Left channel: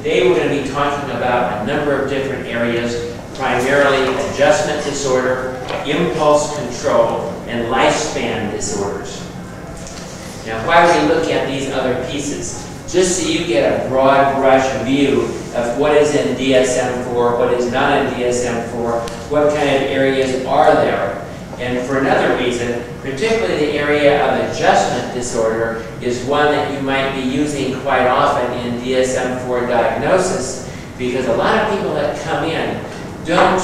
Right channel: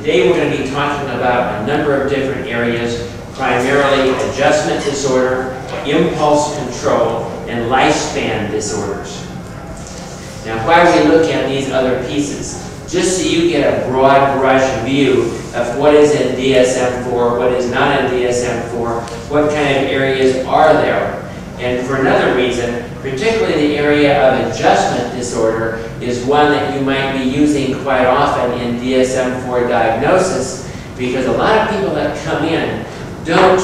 Today we're going to be talking about a number of different areas, primarily adjustment disorder, impulse control, and lifespan disorders. Now, why we look at these other pieces? Just so you get a broad brush view of what is in DSM-4, what is not in DSM-4, what kind of areas are there. And for another reason, particularly the area of adjustment disorder is one that you might be using quite often in DSM-4 diagnosis, because a lot of people that come in don't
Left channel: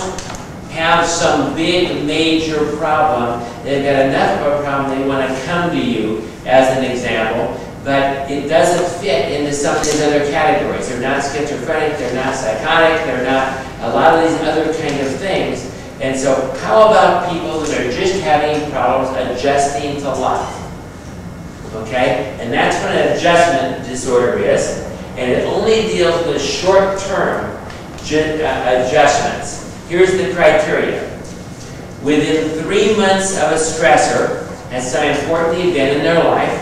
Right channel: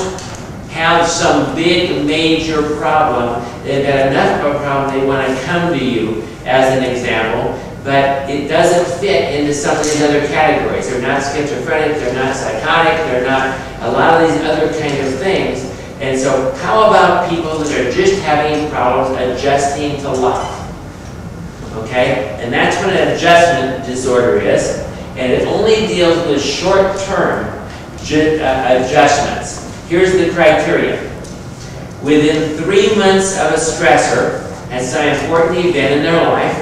have some big major problem. They've got enough of a problem they want to come to you as an example, but it doesn't fit into some of these other categories. They're not schizophrenic, they're not psychotic, they're not a lot of these other kind of things. And so how about people that are just having problems adjusting to life? Okay? And that's what an adjustment disorder is. And it only deals with short-term adjustments. Here's the criteria. Within 3 months of a stressor has some important event in their life,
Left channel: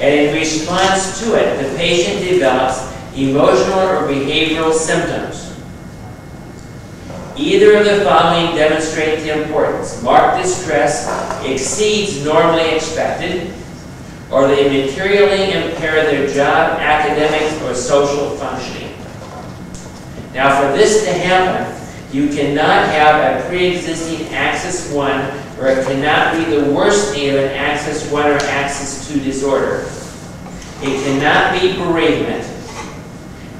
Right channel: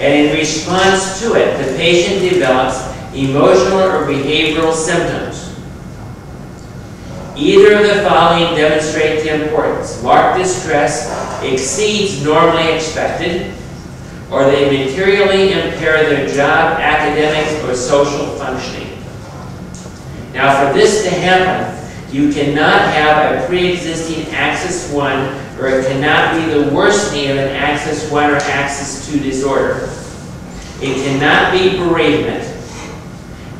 and in response to it, the patient develops emotional or behavioral symptoms. Either of the following demonstrate the importance. Marked distress exceeds normally expected, or they materially impair their job, academics, or social functioning. Now, for this to happen, you cannot have a pre-existing Axis 1, or it cannot be the worsening of an Axis 1 or Axis 2 disorder. It cannot be bereavement,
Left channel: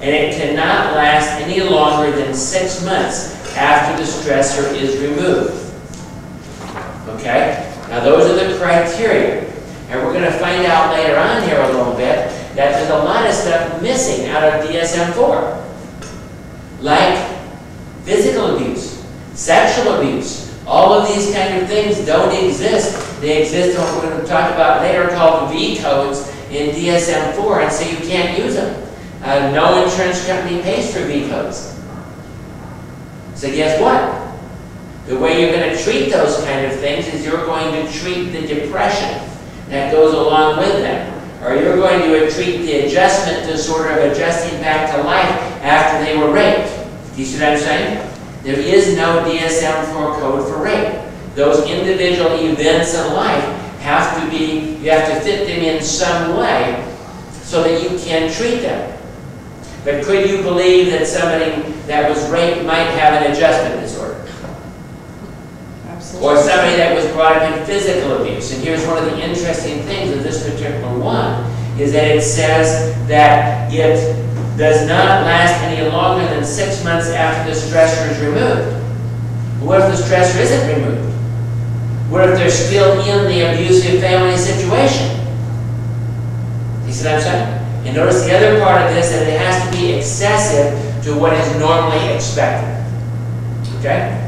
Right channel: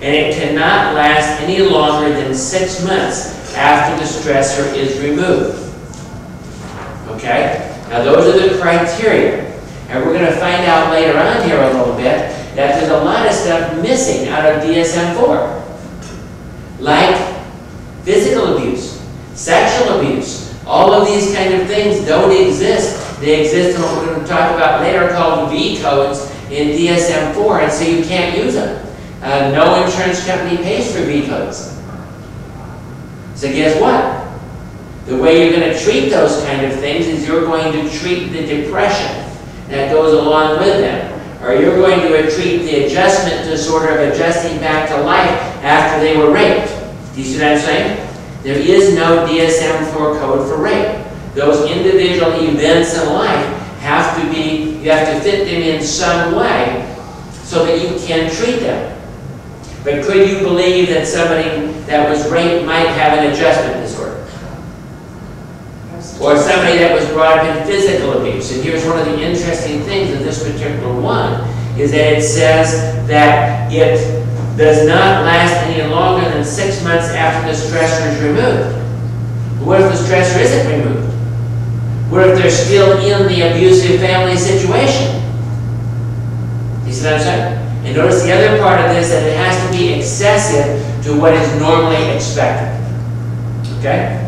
and it cannot last any longer than 6 months after the stressor is removed. Okay? Now those are the criteria. And we're going to find out later on here a little bit that there's a lot of stuff missing out of DSM-4. Like physical abuse, sexual abuse. All of these kind of things don't exist. They exist in what we're going to talk about later called V codes in DSM-4, and so you can't use them. No insurance company pays for V codes. So guess what? The way you're going to treat those kind of things is you're going to treat the depression that goes along with them. Or you're going to treat the adjustment disorder of adjusting back to life after they were raped. Do you see what I'm saying? There is no DSM-4 code for rape. Those individual events in life have to be, you have to fit them in some way so that you can treat them. But could you believe that somebody that was raped might have an adjustment disorder? Absolutely. Or somebody that was brought up in physical abuse. And here's one of the interesting things of this particular one, is that it says that it does not last any longer than 6 months after the stressor is removed. What if the stressor isn't removed? What if they're still in the abusive family situation? You see what I'm saying? And notice the other part of this, that it has to be excessive to what is normally expected. Okay?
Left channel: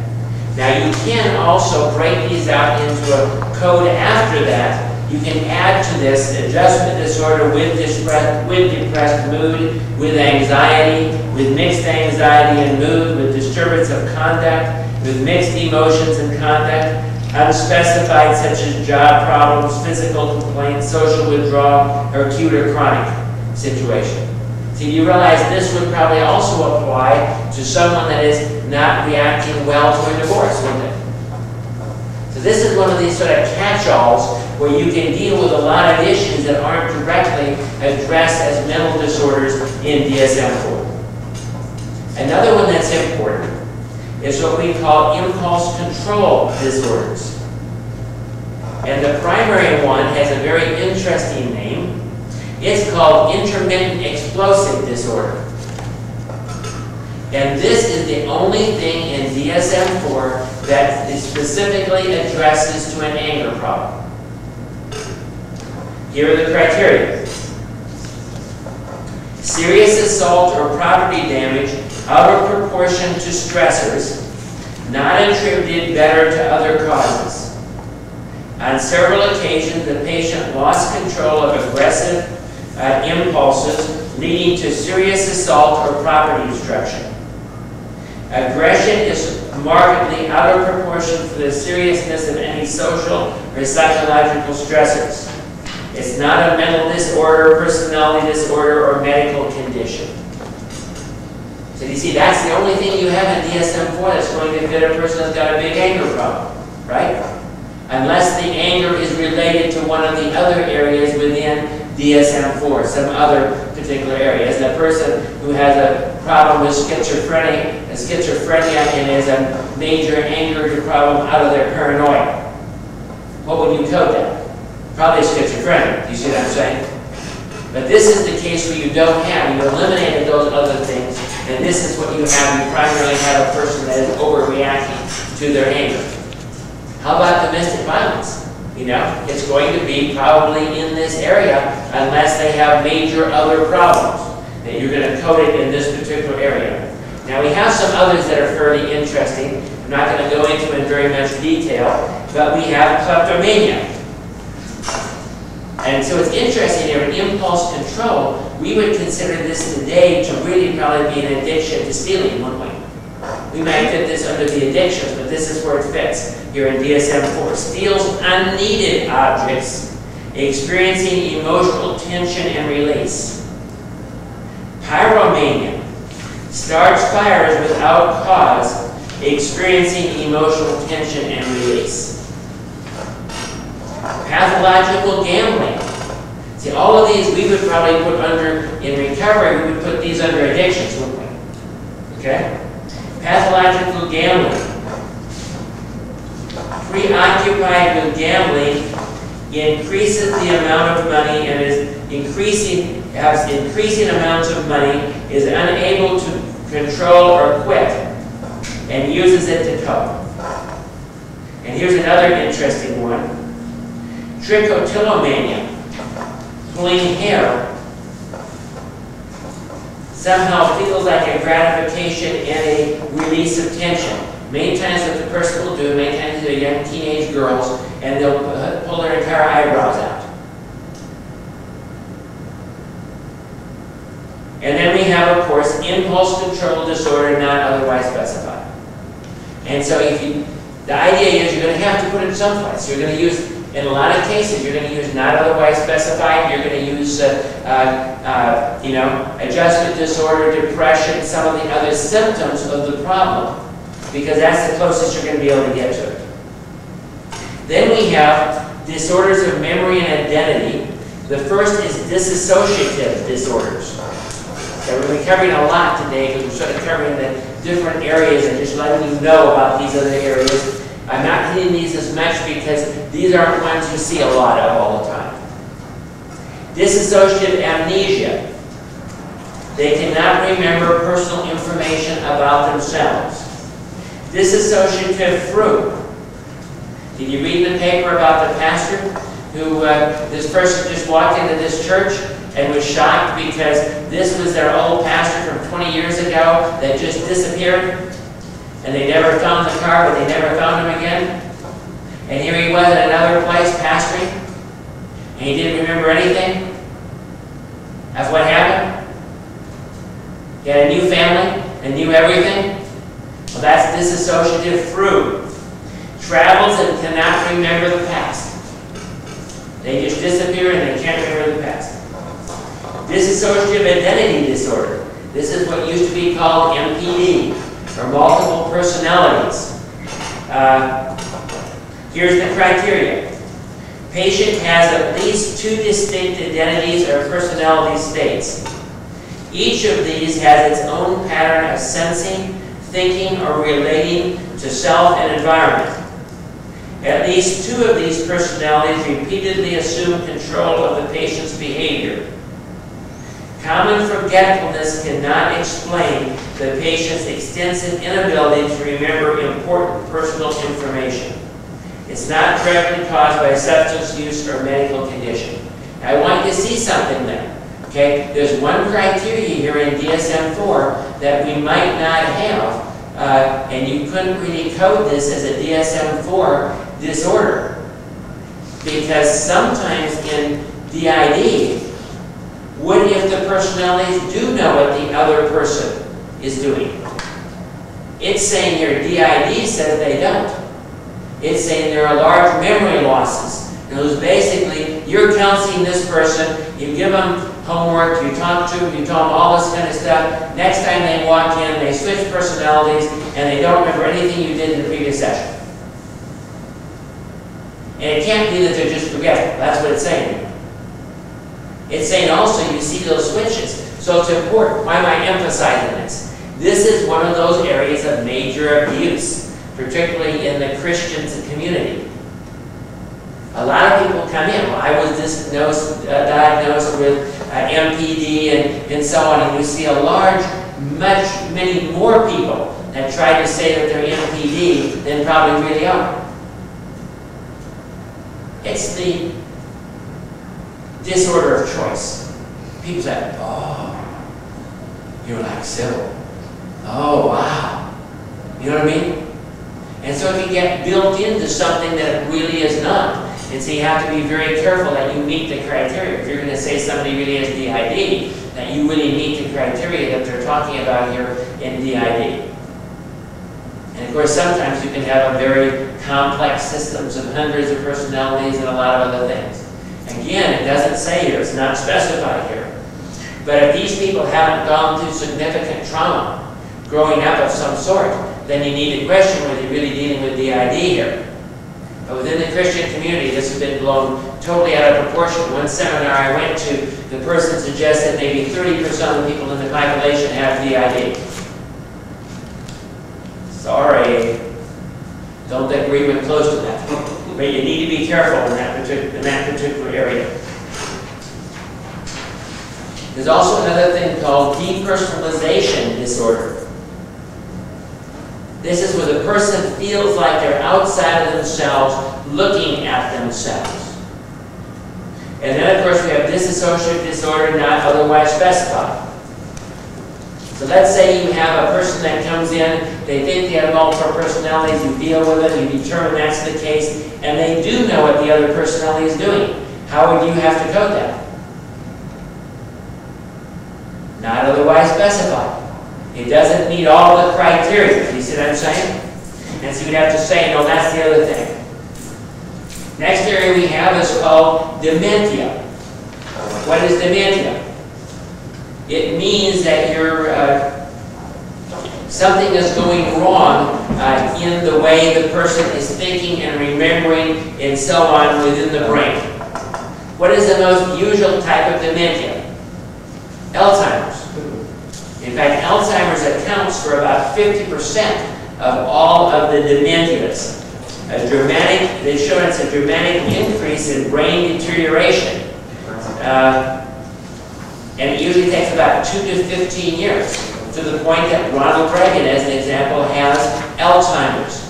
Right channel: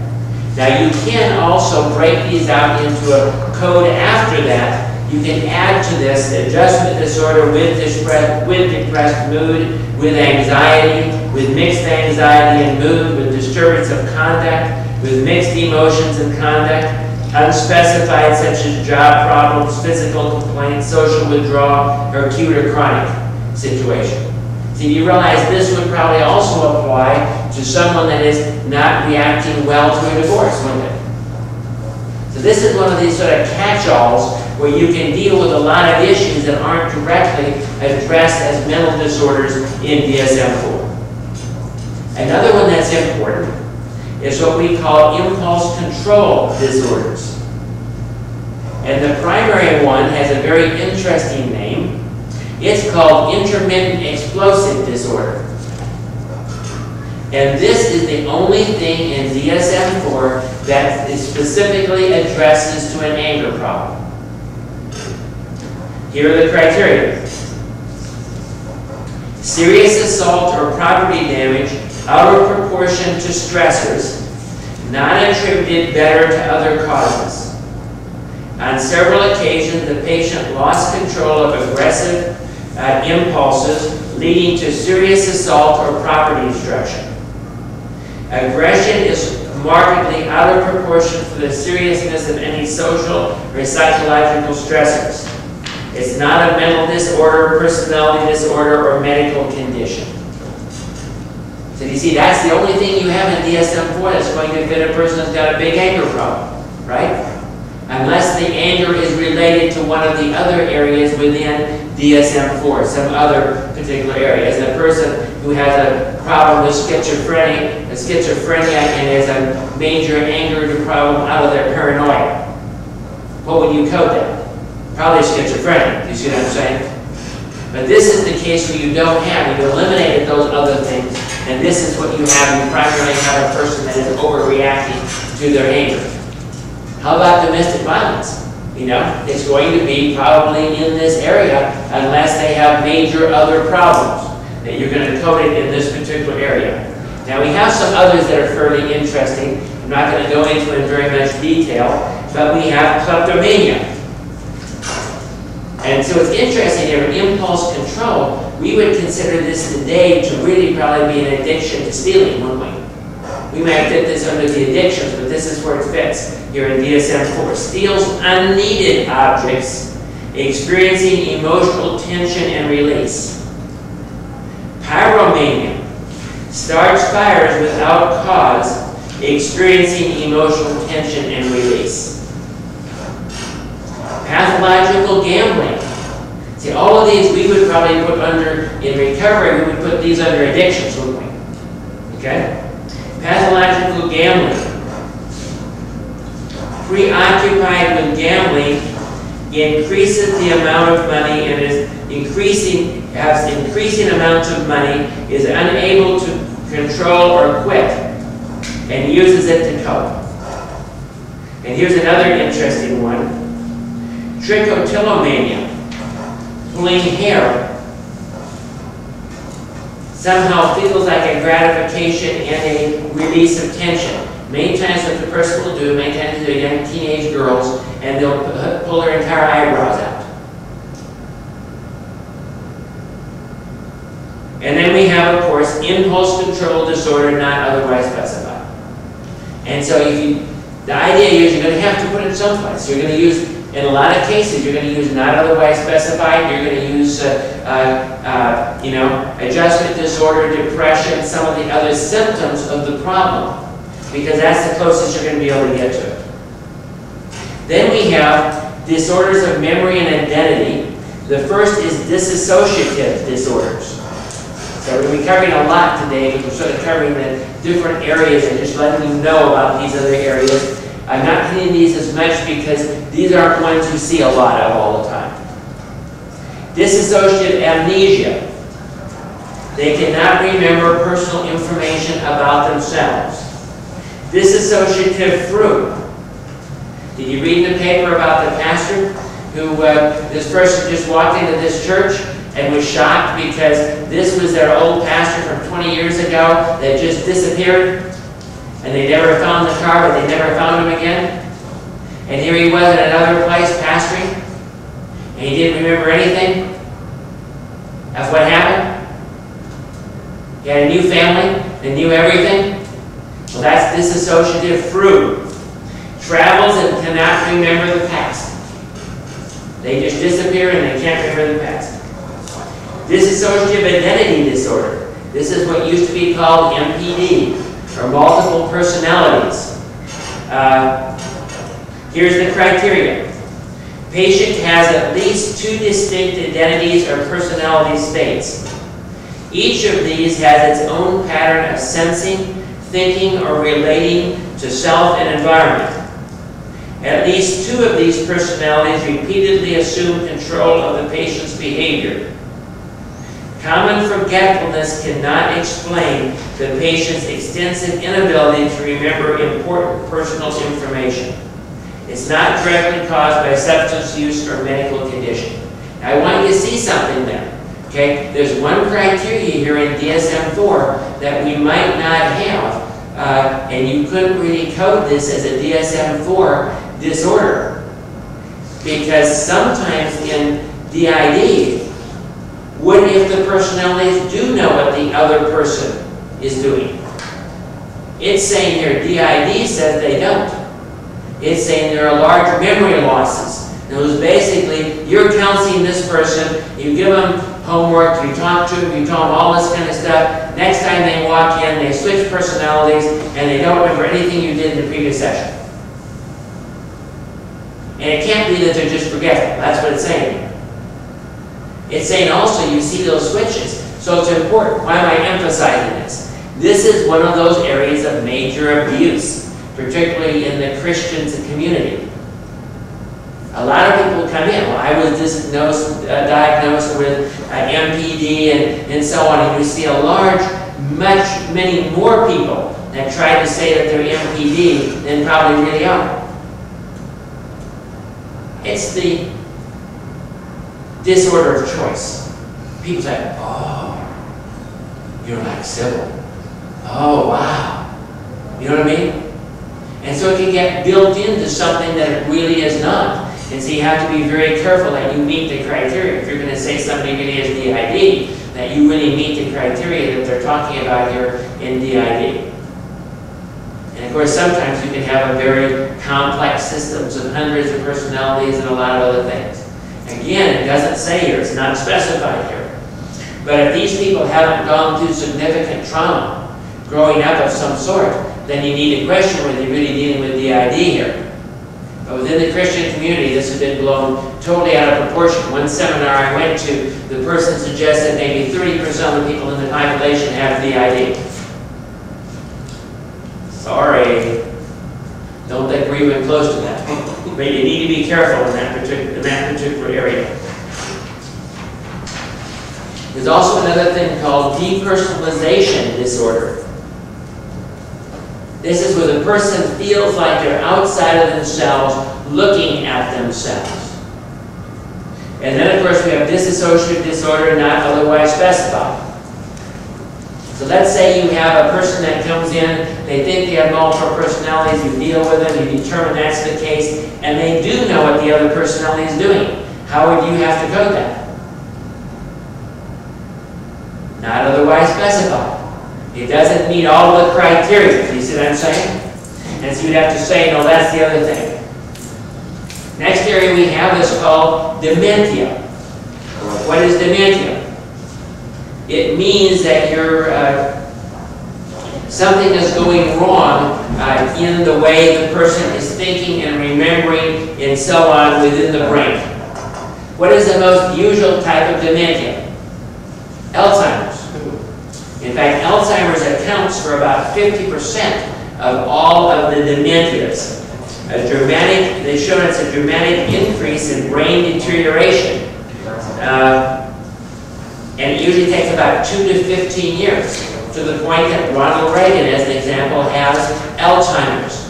Now you can also break these out into a code after that. You can add to this adjustment disorder with depressed mood, with anxiety, with mixed anxiety and mood, with disturbance of conduct, with mixed emotions and conduct, unspecified such as job problems, physical complaints, social withdrawal, or acute or chronic situation. See, you realize this would probably also apply to someone that is not reacting well to a divorce, wouldn't it? So this is one of these sort of catch-alls where you can deal with a lot of issues that aren't directly addressed as mental disorders in DSM-4. Another one that's important is what we call impulse control disorders. And the primary one has a very interesting name. It's called intermittent explosive disorder. And this is the only thing in DSM-4 that specifically addresses to an anger problem. Here are the criteria. Serious assault or property damage out of proportion to stressors, not attributed better to other causes. On several occasions, the patient lost control of aggressive impulses, leading to serious assault or property destruction. Aggression is markedly out of proportion for the seriousness of any social or psychological stressors. It's not a mental disorder, personality disorder, or medical condition. So do you see, that's the only thing you have in DSM-4 that's going to fit a person that's got a big anger problem, right? Unless the anger is related to one of the other areas within DSM-4, some other particular areas. A person who has a problem with schizophrenia and is a major anger problem out of their paranoia. What would you code that? Probably schizophrenia. Do you see what I'm saying? But this is the case where you don't have. You eliminated those other things, and this is what you have. You primarily have a person that is overreacting to their anger. How about domestic violence? You know, it's going to be probably in this area unless they have major other problems that you're going to code it in this particular area. Now we have some others that are fairly interesting. I'm not going to go into it in very much detail, but we have kleptomania. And so it's interesting here, in impulse control, we would consider this today to really probably be an addiction to stealing, wouldn't we? We might fit this under the addictions, but this is where it fits here in DSM-4. Steals unneeded objects, experiencing emotional tension and release. Pyromania. Starts fires without cause, experiencing emotional tension and release. Pathological gambling. See, all of these we would probably put under, in recovery, we would put these under addictions, wouldn't we? Okay? Pathological gambling. Preoccupied with gambling increases the amount of money and has increasing amounts of money, is unable to control or quit, and uses it to cope. And here's another interesting one. Trichotillomania. Pulling hair. Somehow feels like a gratification and a release of tension. Many times what the person will do, many times they're young teenage girls, and they'll pull their entire eyebrows out. And then we have, of course, impulse control disorder not otherwise specified. And so the idea is you're going to have to put it someplace. You're going to use, in a lot of cases, you're going to use not otherwise specified. You're going to use, adjustment disorder, depression, some of the other symptoms of the problem, because that's the closest you're going to be able to get to it. Then we have disorders of memory and identity. The first is dissociative disorders. So we're covering a lot today. We're sort of covering the different areas and just letting you know about these other areas. I'm not hitting these as much because these aren't ones you see a lot of all the time. Dissociative amnesia. They cannot remember personal information about themselves. Dissociative fruit. Did you read in the paper about the pastor who, this person just walked into this church and was shocked because this was their old pastor from 20 years ago that just disappeared, and they never found the car, but they never found him again. And here he was at another place pastoring, and he didn't remember anything. That's what happened. He had a new family and knew everything. Well, that's dissociative fruit. Travels and cannot remember the past. They just disappear and they can't remember the past. Dissociative identity disorder. This is what used to be called MPD, or multiple personalities. Here's the criteria. Patient has at least 2 distinct identities or personality states. Each of these has its own pattern of sensing, thinking, or relating to self and environment. At least 2 of these personalities repeatedly assume control of the patient's behavior. Common forgetfulness cannot explain the patient's extensive inability to remember important personal information. It's not directly caused by substance use or medical condition. Now, I want you to see something there. Okay? There's one criteria here in DSM-4 that we might not have, and you couldn't really code this as a DSM-4 disorder. Because sometimes in DID, what if the personalities do know what the other person is doing? It's saying here, DID says they don't. It's saying there are large memory losses. It was basically, you're counseling this person, you give them homework, you talk to them, you tell them all this kind of stuff. Next time they walk in, they switch personalities, and they don't remember anything you did in the previous session. And it can't be that they're just forgetful. That's what it's saying here. It's saying also you see those switches. So it's important. Why am I emphasizing this? This is one of those areas of major abuse, particularly in the Christian community. A lot of people come in. Well, I was diagnosed with MPD and so on, and you see a many more people that try to say that they're MPD than probably really are. It's the disorder of choice. People say, oh, you're like Sybil. Oh, wow. You know what I mean? And so it can get built into something that it really is not. And so you have to be very careful that you meet the criteria. If you're going to say somebody really has DID, that you really meet the criteria that they're talking about here in DID. And of course, sometimes you can have a very complex systems of hundreds of personalities and a lot of other things. Again, it doesn't say here, it's not specified here. But if these people haven't gone through significant trauma, growing up of some sort, then you need to question whether you're really dealing with DID here. But within the Christian community, this has been blown totally out of proportion. One seminar I went to, the person suggested maybe 30% of the people in the population have DID. Sorry, don't think we're even close to that. But you need to be careful in that particular area. There's also another thing called depersonalization disorder. This is where the person feels like they're outside of themselves, looking at themselves. And then, of course, we have dissociative disorder not otherwise specified. So let's say you have a person that comes in, they think they have multiple personalities, you deal with them, you determine that's the case, and they do know what the other personality is doing. How would you have to code that? Not otherwise specified. It doesn't meet all of the criteria. You see what I'm saying? And so you'd have to say, no, that's the other thing. Next area we have is called dementia. What is dementia? It means that something is going wrong in the way the person is thinking and remembering and so on within the brain. What is the most usual type of dementia? Alzheimer's. In fact, Alzheimer's accounts for about 50% of all of the dementias. They show it's a dramatic increase in brain deterioration. And it usually takes about 2 to 15 years, to the point that Ronald Reagan, as an example, has Alzheimer's.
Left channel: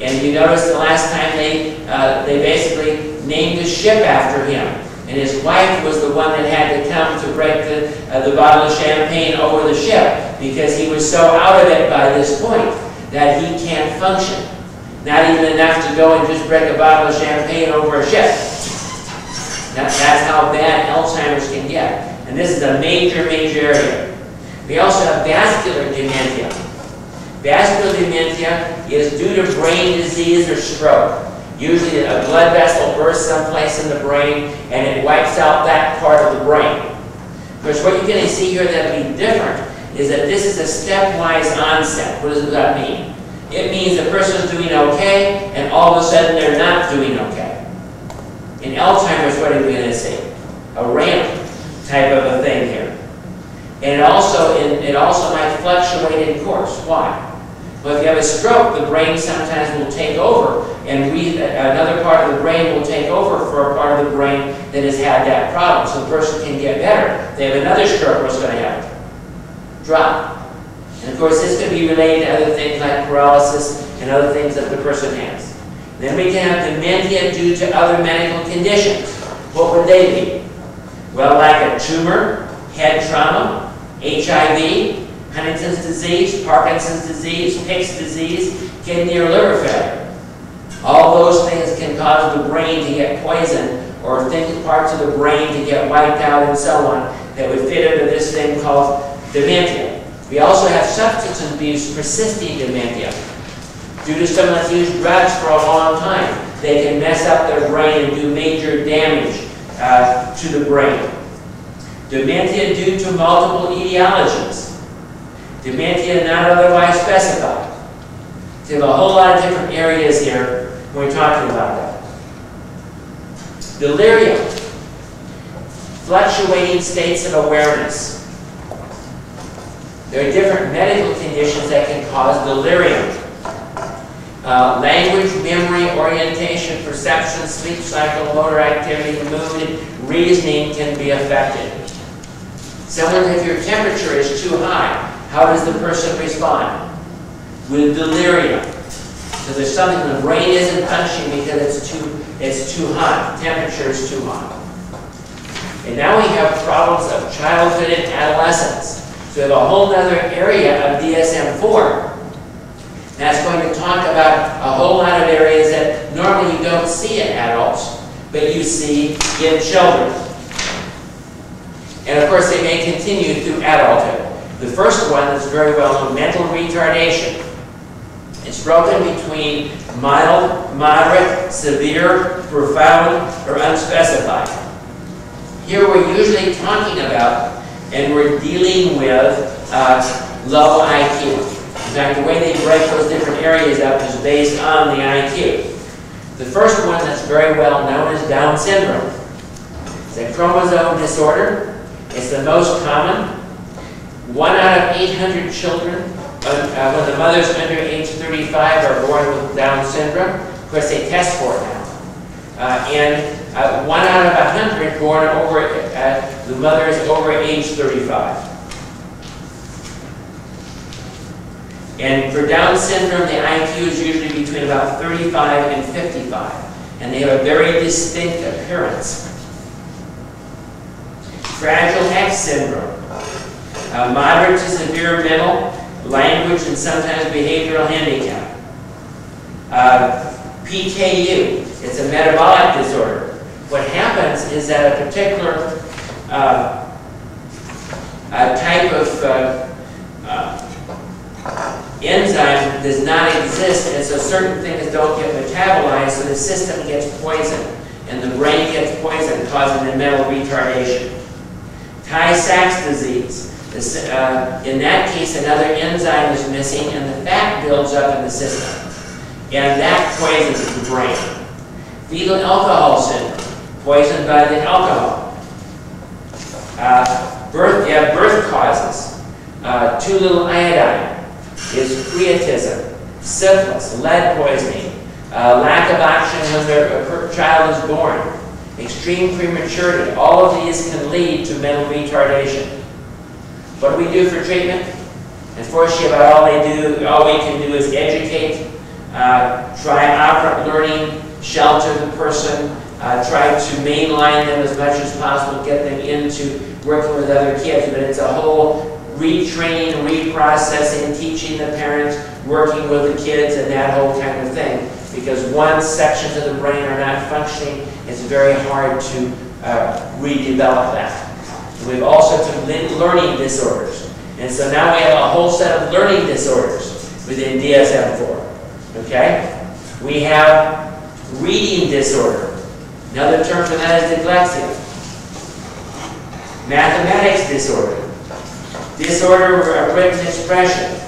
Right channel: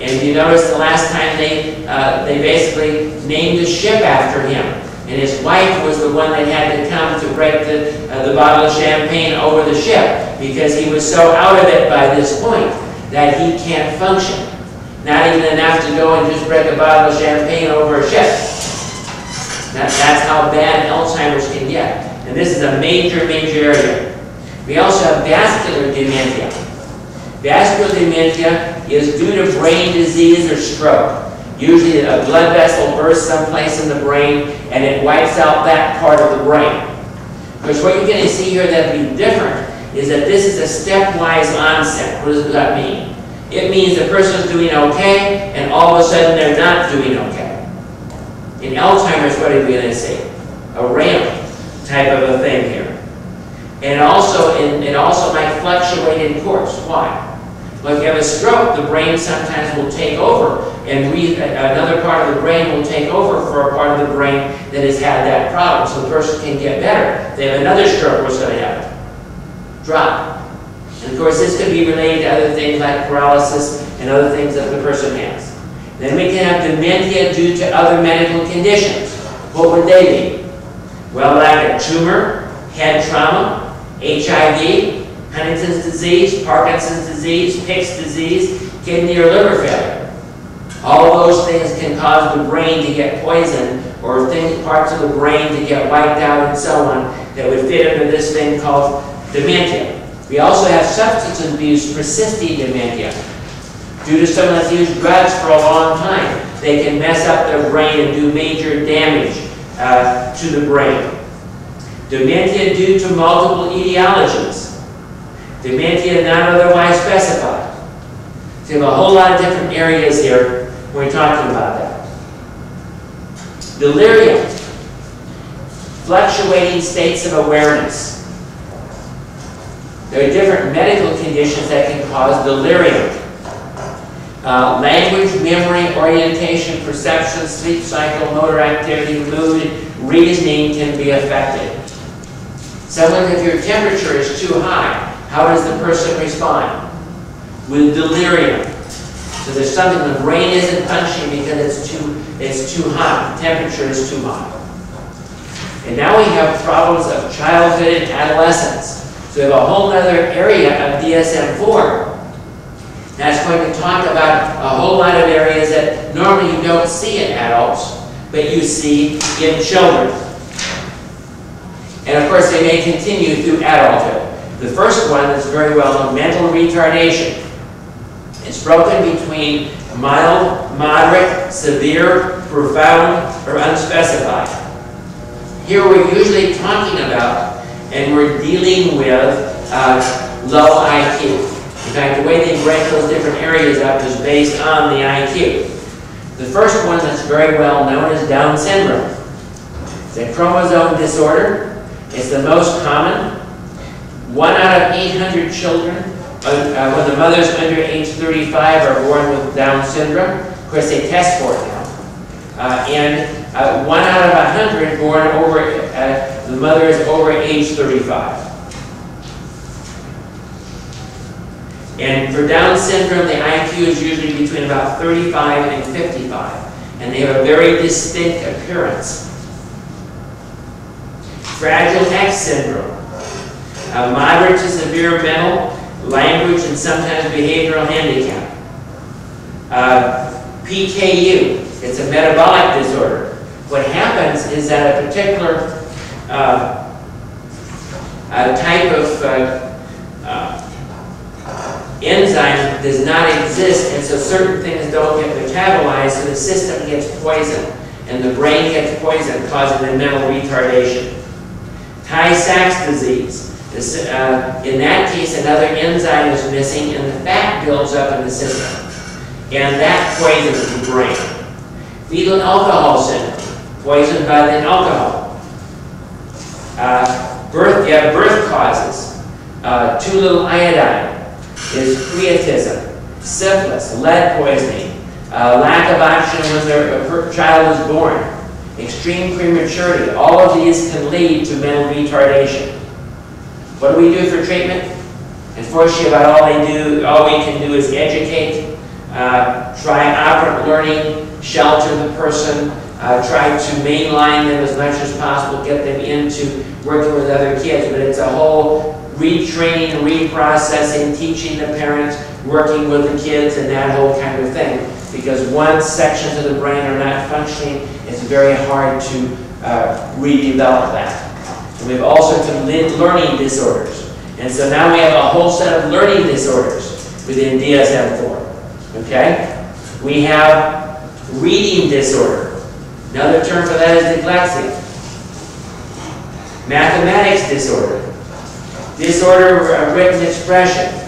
And you notice the last time they basically named a ship after him. And his wife was the one that had to come to break the bottle of champagne over the ship, because he was so out of it by this point that he can't function. Not even enough to go and just break a bottle of champagne over a ship. That's how bad Alzheimer's can get. And this is a major, major area. We also have vascular dementia. Vascular dementia is due to brain disease or stroke. Usually a blood vessel bursts someplace in the brain and it wipes out that part of the brain. Because what you're going to see here that will be different is that this is a stepwise onset. What does that mean? It means the person's doing okay and all of a sudden they're not doing okay. In Alzheimer's, what are we going to see? A ramp type of a thing here. And it also might fluctuate in course. Why? Well, if you have a stroke, the brain sometimes will take over, and another part of the brain will take over for a part of the brain that has had that problem, so the person can get better. If they have another stroke, what's going to happen? Drop. And of course, this could be related to other things like paralysis and other things that the person has. Then we can have dementia due to other medical conditions. What would they be? Well, like a tumor, head trauma, HIV, Huntington's disease, Parkinson's disease, Pick's disease, kidney or liver failure. All those things can cause the brain to get poisoned, or parts of the brain to get wiped out and so on, that would fit into this thing called dementia. We also have substance abuse persisting dementia. Due to someone that's used drugs for a long time, they can mess up their brain and do major damage to the brain. Dementia due to multiple etiologies. Dementia not otherwise specified. So you have a whole lot of different areas here when we're talking about that. Delirium. Fluctuating states of awareness. There are different medical conditions that can cause delirium. Language, memory, orientation, perception, sleep cycle, motor activity, mood, reasoning can be affected. Someone, if your temperature is too high, how does the person respond? With delirium. So there's something, the brain isn't functioning because it's too hot, the temperature is too hot. And now we have problems of childhood and adolescence. So we have a whole other area of DSM-4 that's going to talk about a whole lot of areas that normally you don't see in adults, but you see in children. And of course, they may continue through adulthood. The first one that's very well known, mental retardation. It's broken between mild, moderate, severe, profound, or unspecified. Here we're usually talking about, and we're dealing with low IQ. In fact, the way they break those different areas up is based on the IQ. The first one that's very well known is Down syndrome. It's a chromosome disorder. It's the most common. 1 out of 800 children, when the mothers under age 35 are born with Down syndrome. Of course, they test for it now. And 1 out of 100 born over, the mother is over age 35. And for Down syndrome, the IQ is usually between about 35 and 55. And they have a very distinct appearance. Fragile X syndrome. Moderate to severe mental, language, and sometimes behavioral handicap. PKU. It's a metabolic disorder. What happens is that a particular type of enzyme does not exist, and so certain things don't get metabolized, so the system gets poisoned, and the brain gets poisoned, causing the mental retardation. Tay-Sachs disease. In that case, another enzyme is missing, and the fat builds up in the system, and that poisons the brain. Fetal alcohol syndrome, poisoned by the alcohol. You have birth causes. Too little iodine is creatism, syphilis, lead poisoning, lack of oxygen when a child is born, extreme prematurity. All of these can lead to mental retardation. What do we do for treatment? Unfortunately, about all we can do is educate, try operant learning, shelter the person, try to mainline them as much as possible, get them into working with other kids, but it's a whole retraining, reprocessing, teaching the parents, working with the kids, and that whole kind of thing. Because once sections of the brain are not functioning, it's very hard to redevelop that. And we have also learning disorders. And so now we have a whole set of learning disorders within DSM-4. Okay? We have reading disorder. Another term for that is dyslexia. Mathematics disorder. Disorder of written expression.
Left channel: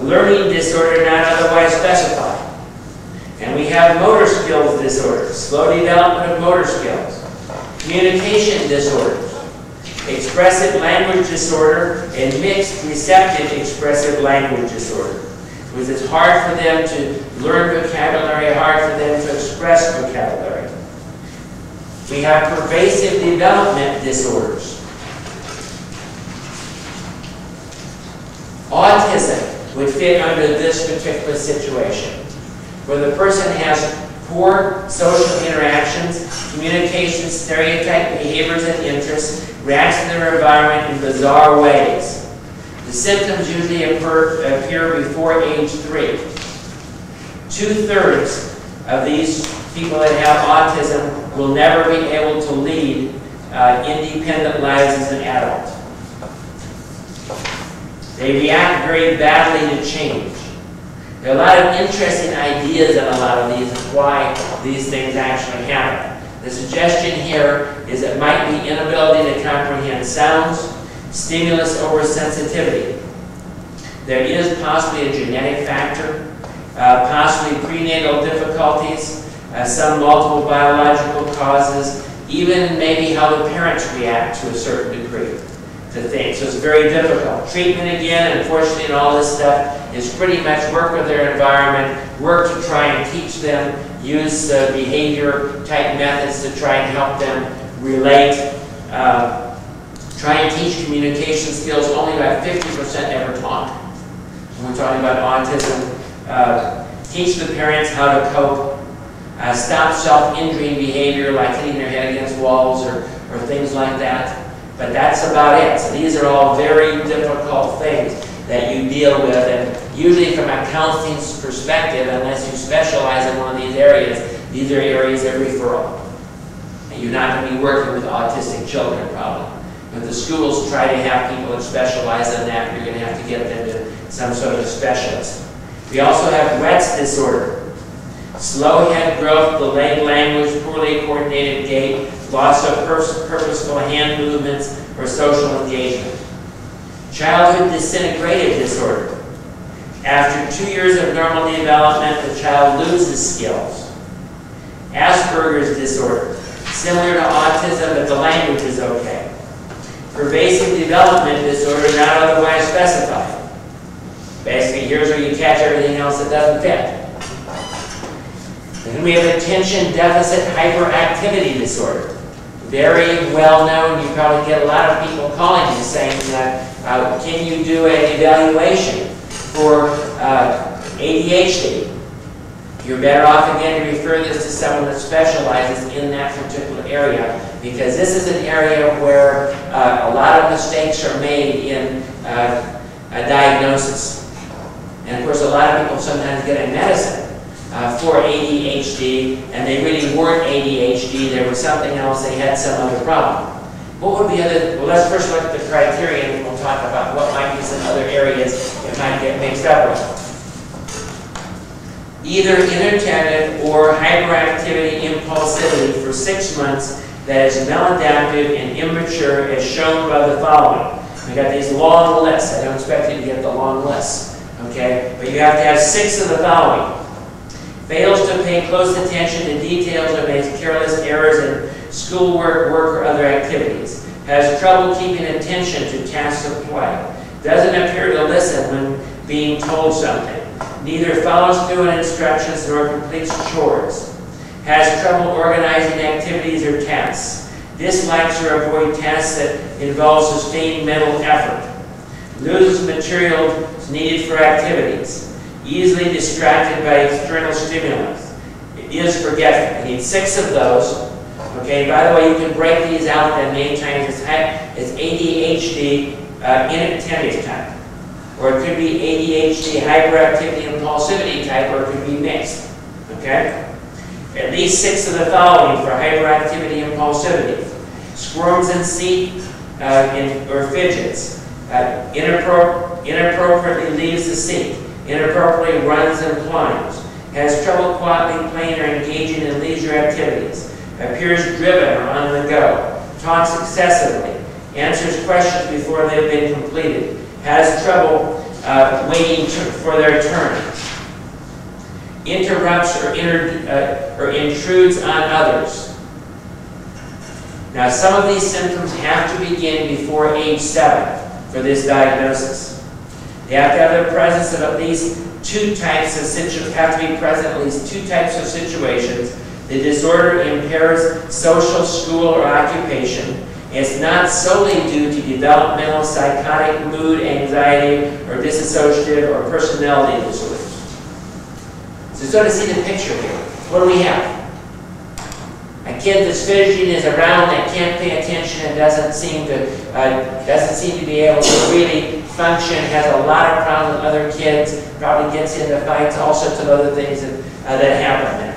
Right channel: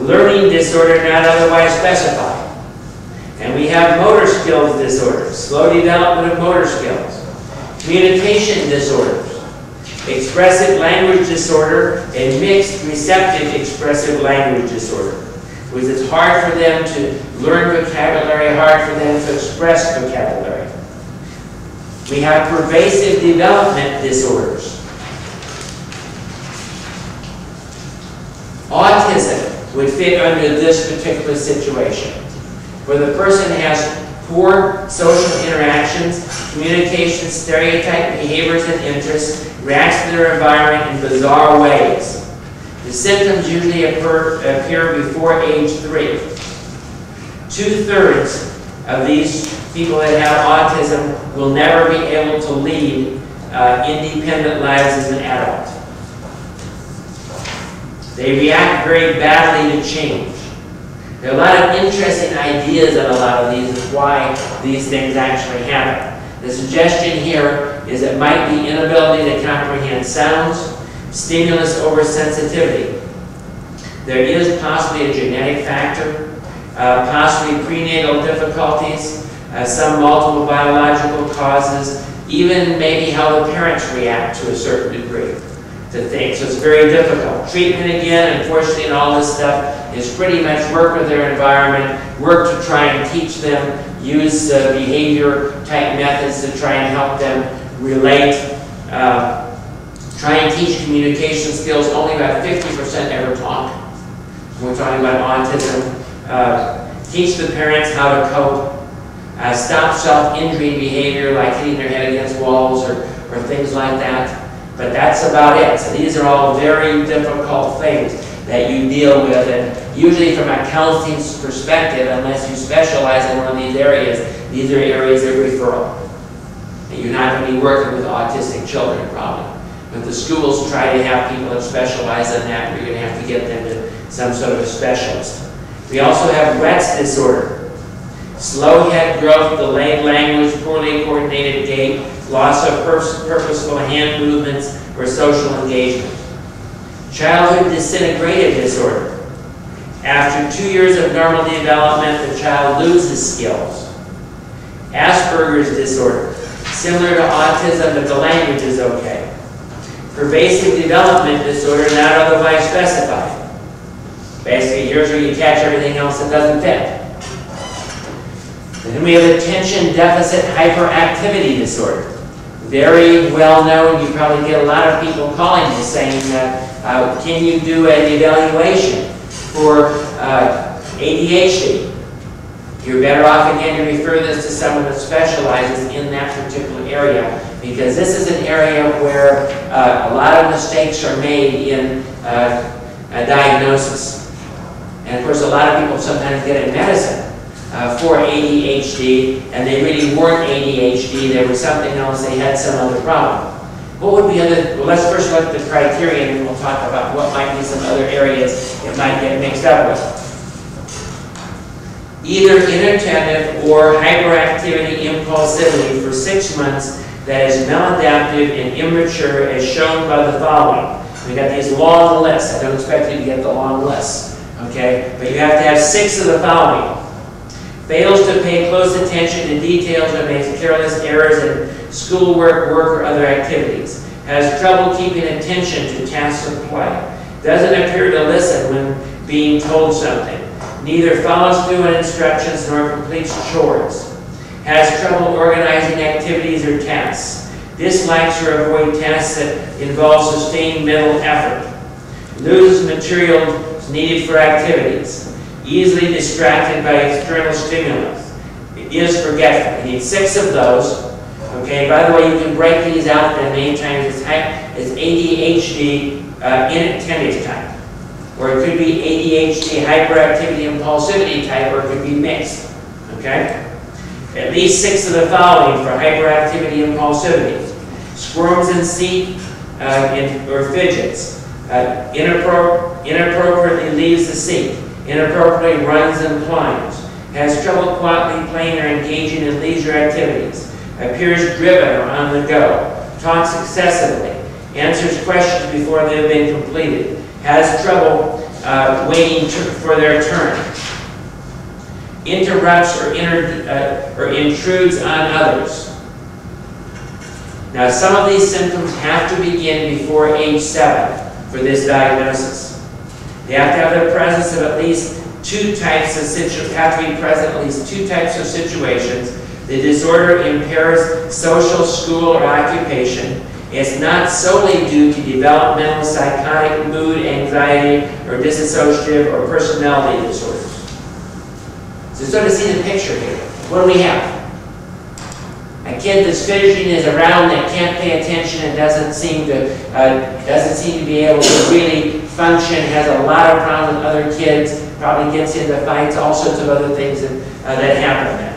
Learning disorder not otherwise specified. And we have motor skills disorders. Slow development of motor skills. Communication disorders. Expressive language disorder and mixed receptive expressive language disorder. Because it's hard for them to learn vocabulary, hard for them to express vocabulary. We have pervasive development disorders. Autism would fit under this particular situation, where the person has poor social interactions, communication, stereotype behaviors and interests, reacts to their environment in bizarre ways. The symptoms usually appear before age 3. 2/3 of these people that have autism will never be able to lead independent lives as an adult. They react very badly to change. There are a lot of interesting ideas in a lot of these of why these things actually happen. The suggestion here is it might be inability to comprehend sounds, stimulus oversensitivity. There is possibly a genetic factor, possibly prenatal difficulties, some multiple biological causes, even maybe how the parents react to a certain degree to things. So it's very difficult. Treatment, again, unfortunately, and all this stuff is pretty much work with their environment, work to try and teach them, use behavior-type methods to try and help them relate, try and teach communication skills. Only about 50% ever talk. When we're talking about autism. Teach the parents how to cope. Stop self-injuring behavior like hitting their head against walls or things like that. But that's about it. So these are all very difficult things that you deal with. And usually from a counseling perspective, unless you specialize in one of these are areas of referral. And you're not going to be working with autistic children probably. But the schools try to have people that specialize in that. You're going to have to get them to some sort of specialist. We also have Rett's disorder. Slow head growth, delayed language, poorly coordinated gait, loss of purposeful hand movements, or social engagement. Childhood disintegrative disorder. After 2 years of normal development, the child loses skills. Asperger's disorder. Similar to autism, but the language is okay. Pervasive development disorder, not otherwise specified. Basically, here's where you catch everything else that doesn't fit. Then we have attention deficit hyperactivity disorder. Very well known. You probably get a lot of people calling you saying, can you do an evaluation for ADHD? You're better off again to refer this to someone that specializes in that particular area, because this is an area where a lot of mistakes are made in a diagnosis. And of course, a lot of people sometimes get a medicine for ADHD, and they really weren't ADHD, there was something else, they had some other problem. What would be other, well, let's first look at the criteria, and we'll talk about what might be some other areas it might get mixed up with. Either inattentive or hyperactivity impulsivity for 6 months that is maladaptive and immature as shown by the following. We got these long lists. I don't expect you to get the long lists, okay? But you have to have 6 of the following. Fails to pay close attention to details or makes careless errors in schoolwork, work, or other activities. Has trouble keeping attention to tasks of play. Doesn't appear to listen when being told something. Neither follows through on instructions nor completes chores. Has trouble organizing activities or tasks. Dislikes or avoids tasks that involve sustained mental effort. Loses materials needed for activities. Easily distracted by external stimulus. Is forgetful. We need 6 of those. Okay, by the way, you can break these out and many times it's ADHD inattentive type. Or it could be ADHD hyperactivity impulsivity type, or it could be mixed. Okay? At least 6 of the following for hyperactivity impulsivity. Squirms in seat or fidgets. Inappropriately leaves the seat. Inappropriately runs and climbs. Has trouble quietly playing or engaging in leisure activities. Appears driven or on the go. Talks excessively. Answers questions before they have been completed. Has trouble waiting for their turn. Interrupts or intrudes on others. Now, some of these symptoms have to begin before age 7 for this diagnosis. They have to have the presence of at least 2 types of situations. Have to be present at least 2 types of situations. The disorder impairs social, school, or occupation. It's not solely due to developmental, psychotic, mood, anxiety, or dissociative or personality disorders. So sort of see the picture here. What do we have? A kid that's fidgeting, is around, that can't pay attention and doesn't seem to be able to really function, has a lot of problems with other kids, probably gets into fights, all sorts of other things that happen there.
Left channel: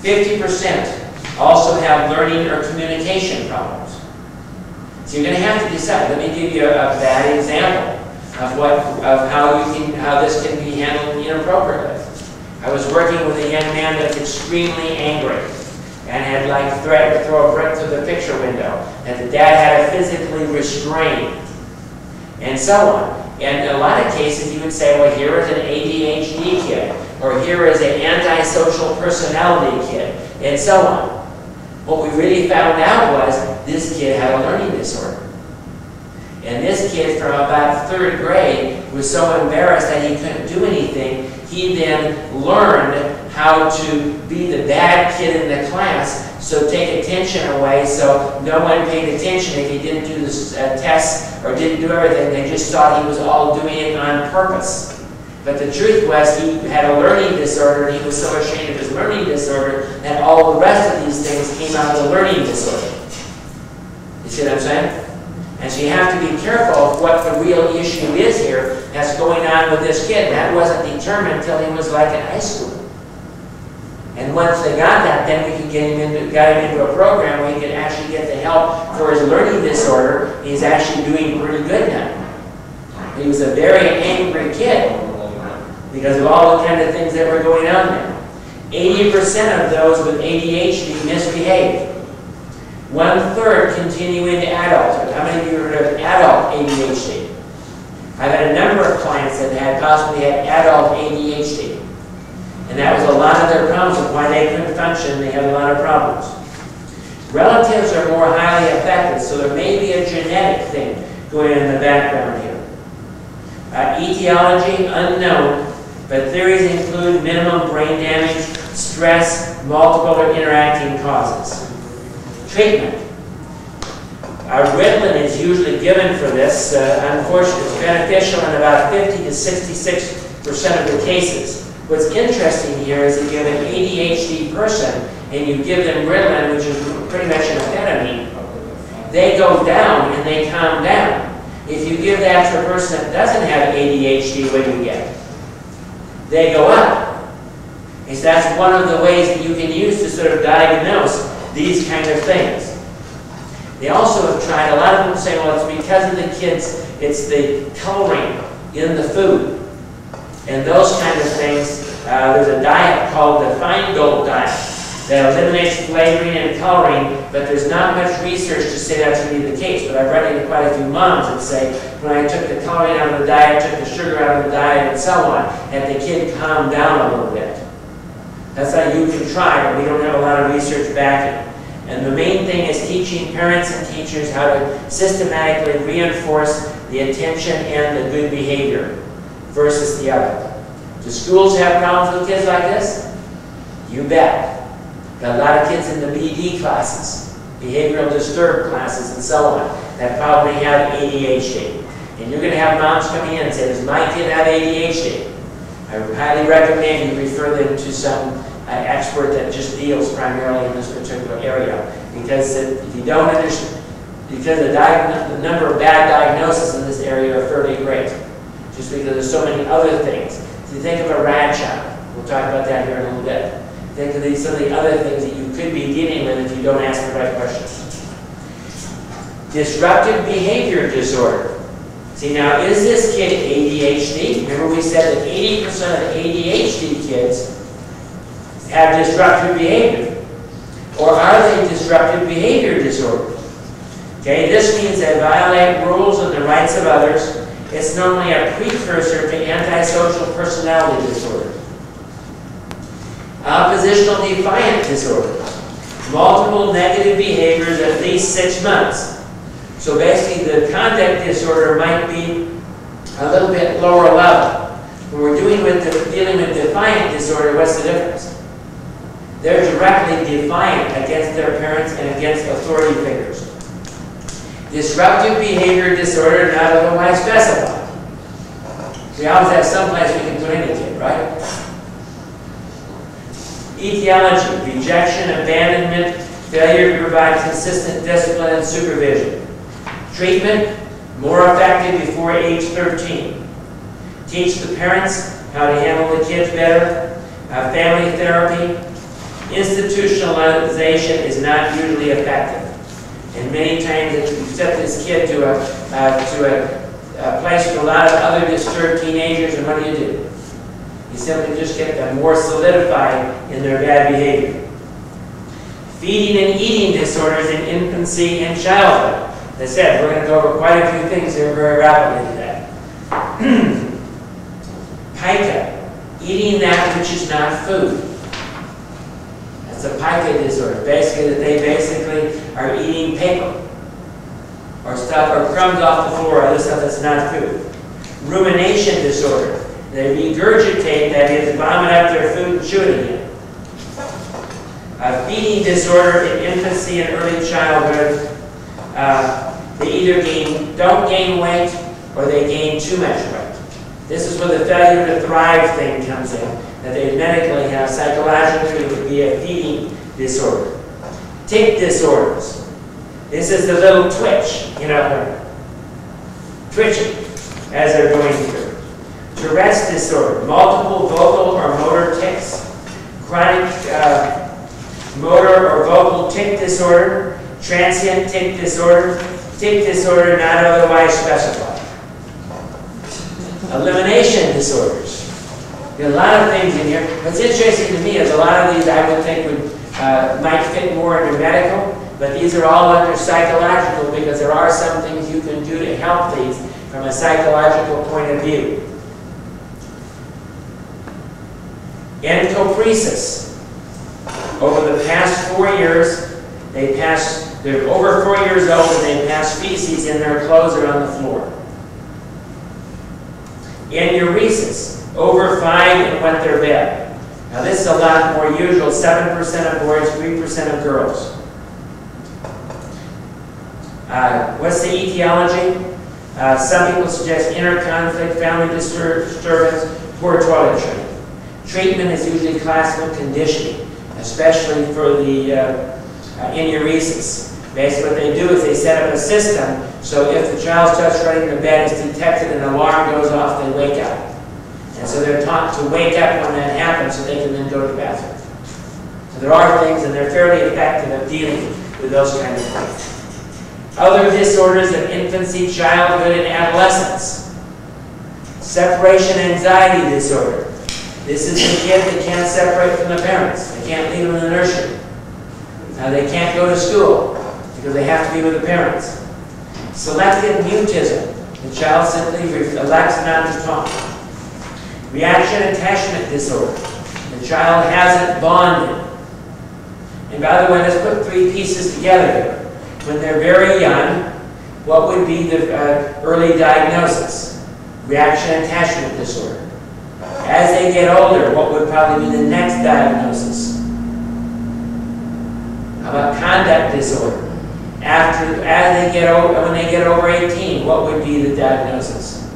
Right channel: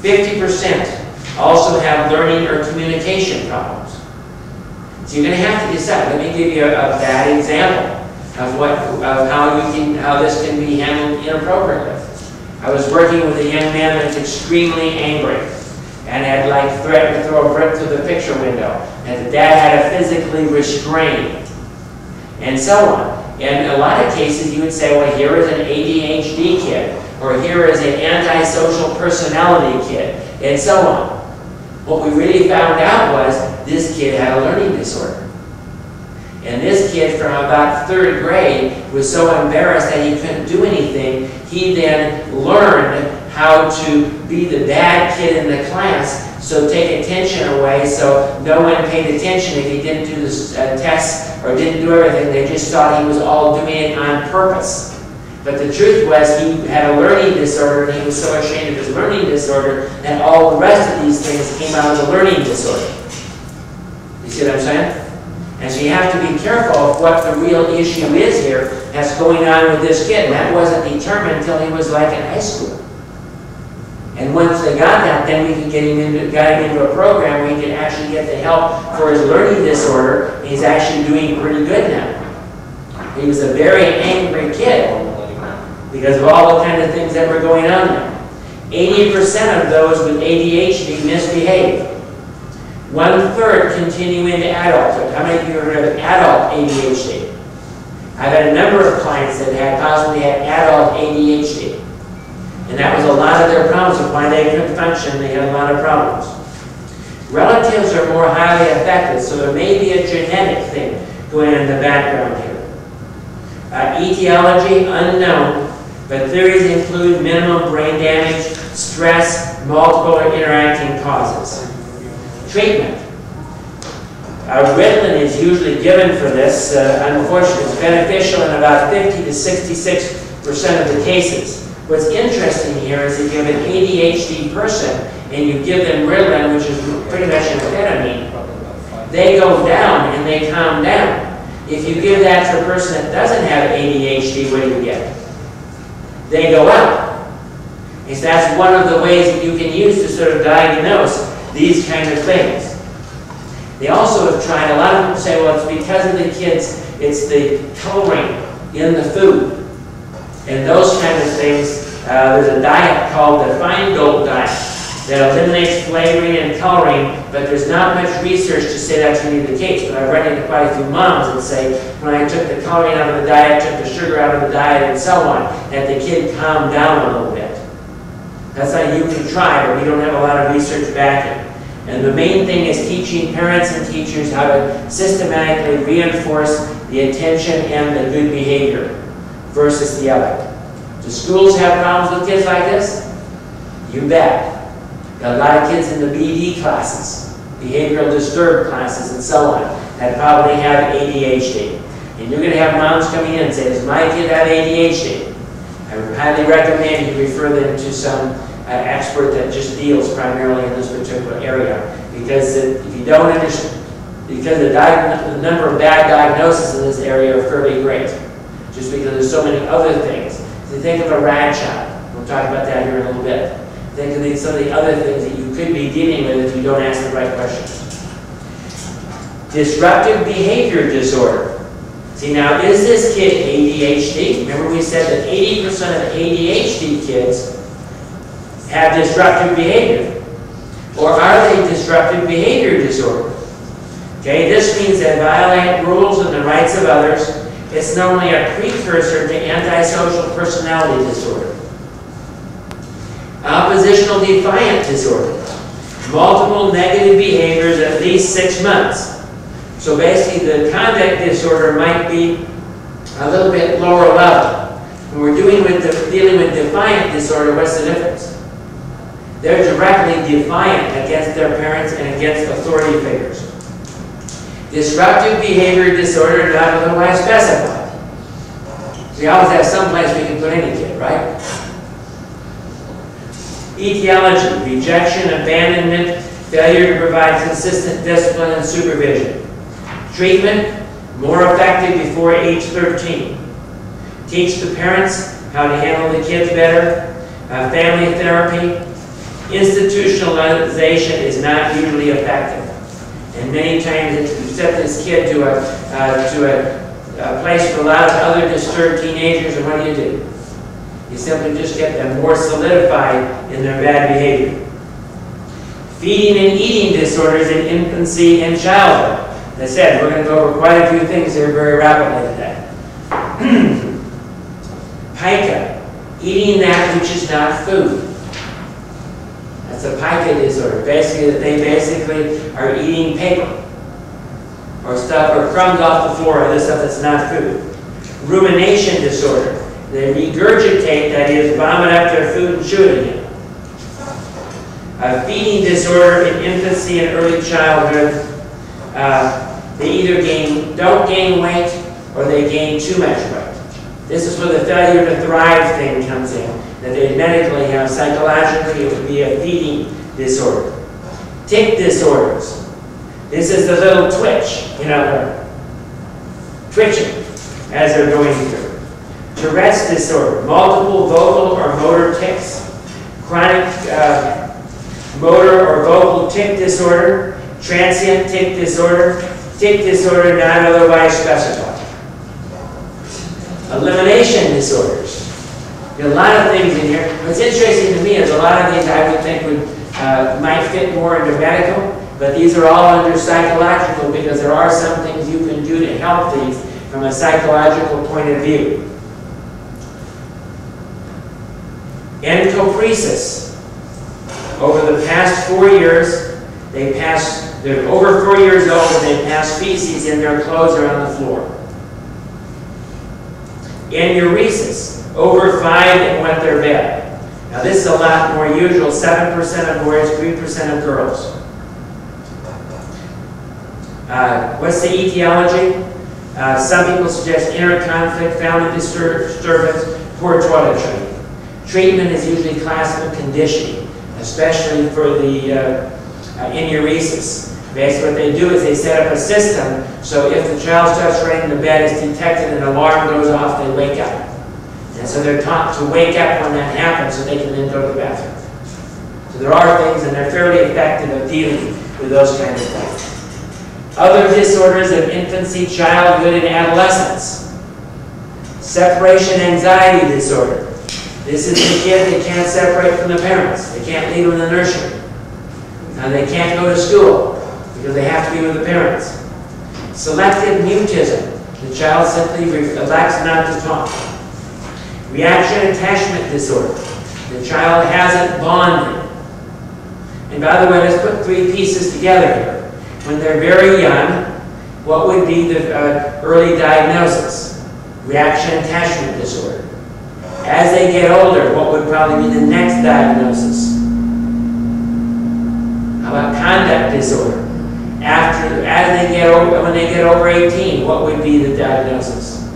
50% also have learning or communication problems. So you're going to have to decide. Let me give you a bad example of how this can be handled inappropriately. I was working with a young man that was extremely angry and had like threatened to throw a brick through the picture window, and the dad had to physically restrain, and so on. And in a lot of cases, you would say, well, here is an ADHD kid, or here is an antisocial personality kid, and so on. What we really found out was this kid had a learning disorder. And this kid from about 3rd grade was so embarrassed that he couldn't do anything, he then learned how to be the bad kid in the class, so take attention away so no one paid attention if he didn't do the tests or didn't do everything. They just thought he was all doing it on purpose. But the truth was he had a learning disorder, and he was so ashamed of his learning disorder that all the rest of these things came out of the learning disorder. You see what I'm saying? And so you have to be careful of what the real issue is here that's going on with this kid. And that wasn't determined until he was like in high school. And once they got that, then we could got him into a program where he could actually get the help for his learning disorder. He's actually doing pretty good now. He was a very angry kid because of all the kind of things that were going on there. 80% of those with ADHD misbehave. 1/3 continue into adulthood. How many of you have heard of adult ADHD? I've had a number of clients that had possibly had adult ADHD. And that was a lot of their problems and why they couldn't function. They had a lot of problems. Relatives are more highly affected, so there may be a genetic thing going on in the background here. Etiology, unknown, but theories include minimum brain damage, stress, multiple or interacting causes. Treatment. Ritalin is usually given for this. Unfortunately, it's beneficial in about 50 to 66% of the cases. What's interesting here is if you have an ADHD person and you give them Ritalin, which is pretty much an amphetamine, they go down and they calm down. If you give that to a person that doesn't have ADHD, what do you get? They go up. And so that's one of the ways that you can use to sort of diagnose these kind of things. They also have tried, a lot of people say, well, it's because of the kids, it's the coloring in the food. And those kind of things, there's a diet called the Feingold diet that eliminates flavoring and coloring, but there's not much research to say that's going to be the case. But I've run into quite a few moms that say, when I took the coloring out of the diet, took the sugar out of the diet, and so on, that the kid calmed down a little bit. That's how you can try, but we don't have a lot of research backing. And the main thing is teaching parents and teachers how to systematically reinforce the attention and the good behavior versus the other. Do schools have problems with kids like this? You bet. Got a lot of kids in the BD classes, behavioral disturbed classes, and so on, that probably have ADHD. And you're going to have moms coming in and say, does my kid have ADHD? I highly recommend you refer them to some expert that just deals primarily in this particular area. Because if you don't understand, because the number of bad diagnoses in this area are fairly great. Just because there's so many other things. So you think of a rad child. We'll talk about that here in a little bit. Think of some of the other things that you could be dealing with if you don't ask the right questions. Disruptive behavior disorder. See, now, is this kid ADHD? Remember we said that 80% of ADHD kids have disruptive behavior. Or are they disruptive behavior disorder? Okay, this means they violate rules and the rights of others. It's normally a precursor to antisocial personality disorder. Oppositional defiant disorder. Multiple negative behaviors at least 6 months. So basically the conduct disorder might be a little bit lower level. When we're dealing with defiant disorder, what's the difference? They're directly defiant against their parents and against authority figures. Disruptive behavior disorder not otherwise specified. We always have some place we can put any kid, right? Etiology, rejection, abandonment, failure to provide consistent discipline and supervision. Treatment, more effective before age 13. Teach the parents how to handle the kids better. Family therapy. Institutionalization is not usually effective. And many times if you send this kid to a place with a lot of other disturbed teenagers, and what do? You simply just get them more solidified in their bad behavior. Feeding and eating disorders in infancy and childhood. As I said, we're going to go over quite a few things here very rapidly today. Pica, eating that which is not food. That's a pica disorder. Basically, that they basically are eating paper or stuff or crumbs off the floor, other stuff that's not food. Rumination disorder. They regurgitate, that is, vomit up their food and chew it again. Feeding disorder in infancy and early childhood. They either don't gain weight or they gain too much weight. This is where the failure to thrive thing comes in, that they medically have. Psychologically, it would be a feeding disorder. Tic disorders. This is the little twitch, they're twitching as they're going through. Tourette's disorder, multiple vocal or motor tics. Chronic motor or vocal tic disorder. Transient tic disorder not otherwise specified. Elimination disorders. There are a lot of things in here. What's interesting to me is a lot of these I would think might fit more into medical, but these are all under psychological because there are some things you can do to help these from a psychological point of view. Encopresis. Over the past 4 years, they're over 4 years old and they pass feces in their clothes or on the floor. Enuresis, over 5 and wet their bed. Now this is a lot more usual, 7% of boys, 3% of girls. What's the etiology? Some people suggest inner conflict, family disturbance, poor toilet training. Treatment is usually classical conditioning, especially for the enuresis. Basically what they do is they set up a system so if the child starts running to bed, it's detected and an alarm goes off, they wake up. And so they're taught to wake up when that happens so they can then go to the bathroom. So there are things, and they're fairly effective at dealing with those kind of things. Other disorders of infancy, childhood, and adolescence. Separation anxiety disorder. This is the kid that can't separate from the parents. They can't leave them in the nursery. Now they can't go to school because they have to be with the parents. Selective mutism. The child simply elects not to talk. Reaction attachment disorder. The child hasn't bonded. And by the way, let's put 3 pieces together here. When they're very young, what would be the early diagnosis? Reaction attachment disorder. As they get older, what would probably be the next diagnosis? How about conduct disorder? When they get over 18, what would be the diagnosis?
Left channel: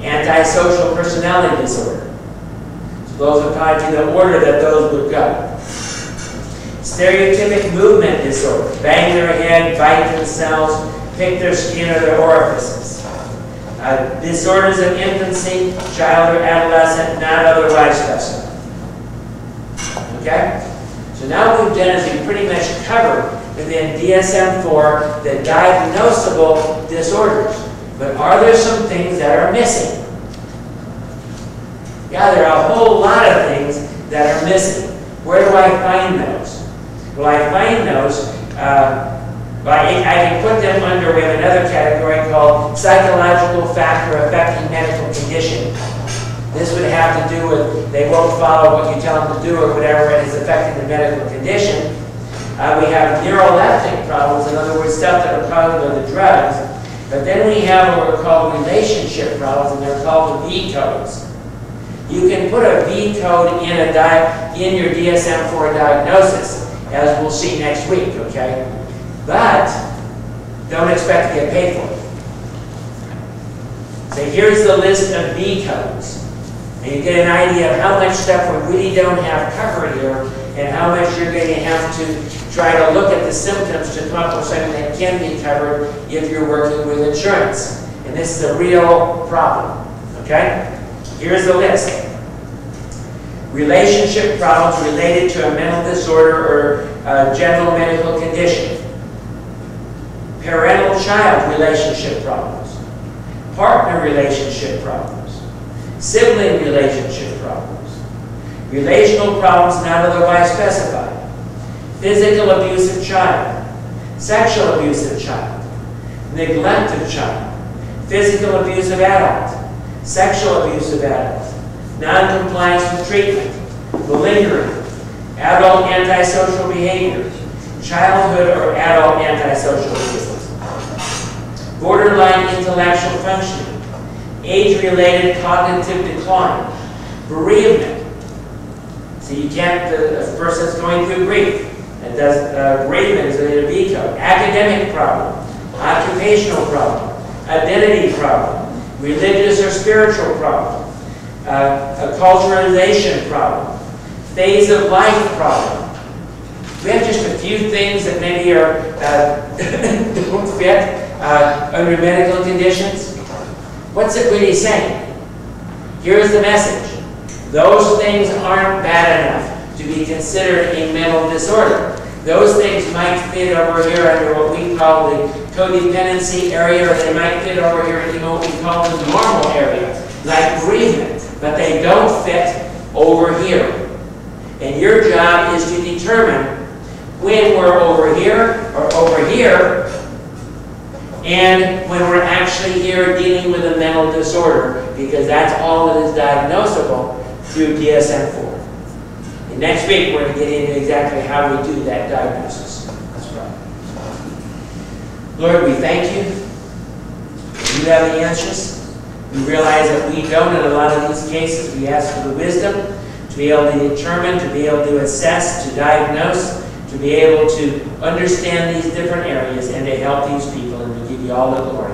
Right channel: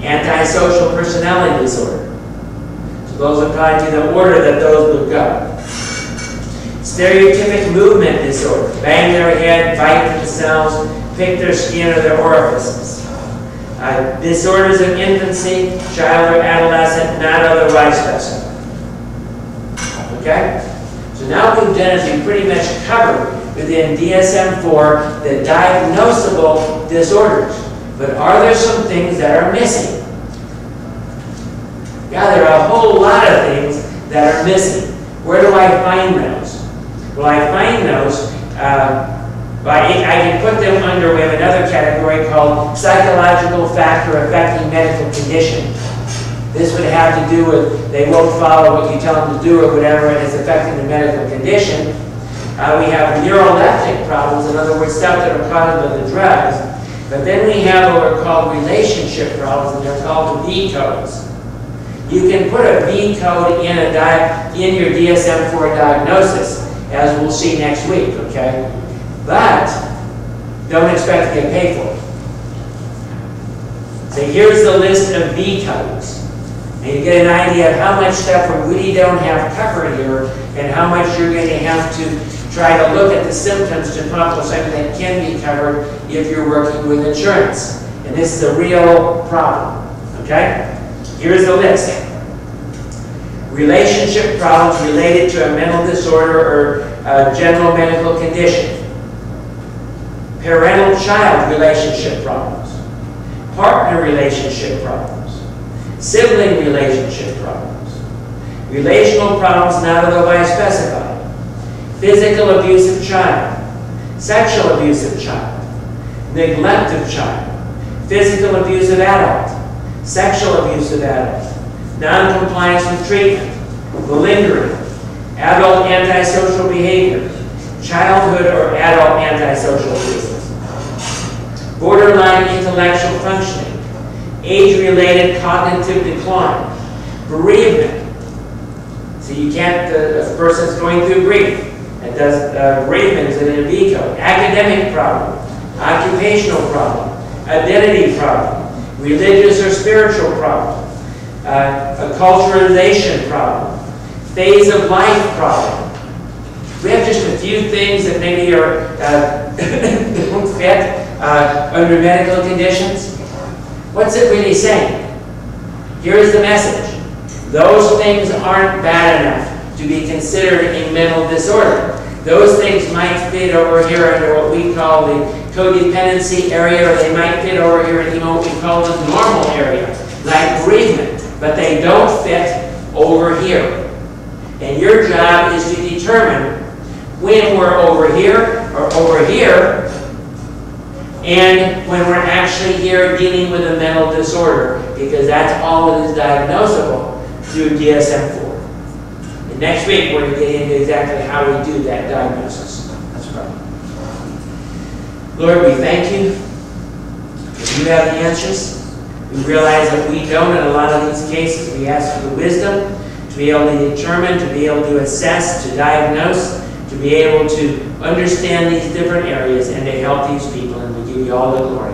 Antisocial personality disorder. So those would probably be the order that those would go. Stereotypic movement disorder. Bang their head, bite themselves, pick their skin or their orifices. Disorders of infancy, child or adolescent, not otherwise specified. Okay? So now what we've done is we've pretty much covered within DSM-4 the diagnosable disorders. But are there some things that are missing? Yeah, there are a whole lot of things that are missing. Where do I find those? Well, I find those, I can put them under, we have another category called psychological factor affecting medical condition. This would have to do with, they won't follow what you tell them to do or whatever it is affecting the medical condition. We have neuroleptic problems, in other words, stuff that are caused by the drugs. But then we have what are called relationship problems, and they're called V codes. You can put a V code in your DSM-4 diagnosis, as we'll see next week, okay? But don't expect to get paid for it. So here's the list of V codes. And you get an idea of how much stuff we really don't have covered here and how much you're going to have to try to look at the symptoms to come up with something that can be covered if you're working with insurance. And this is a real problem, okay? Here's the list. Relationship problems related to a mental disorder or a general medical condition. Parental-child relationship problems. Partner relationship problems. sibling relationship problems, relational problems not otherwise specified, physical abuse of child, sexual abuse of child, neglect of child, physical abuse of adult, sexual abuse of adult, non-compliance with treatment, malingering, adult antisocial behavior, childhood or adult antisocial behavior, borderline intellectual functioning, age-related cognitive decline, bereavement. So you can't, a person's going through grief. It does, bereavement is an NB code. Academic problem, occupational problem, identity problem, religious or spiritual problem, a culturalization problem, phase of life problem. We have just a few things that maybe are don't fit under medical conditions. What's it really saying? Here's the message. Those things aren't bad enough to be considered a mental disorder. Those things might fit over here under what we call the codependency area, or they might fit over here in what we call the normal area, like bereavement, but they don't fit over here. And your job is to determine when we're over here or over here, and when we're actually here dealing with a mental disorder, because that's all that is diagnosable through DSM-4. And next week we're going to get into exactly how we do that diagnosis. That's right. Lord, we thank you that you have the answers. We realize that we don't in a lot of these cases. We ask for the wisdom to be able to determine, to be able to assess, to diagnose, to be able to understand these different areas and to help these people. And we give you all the glory.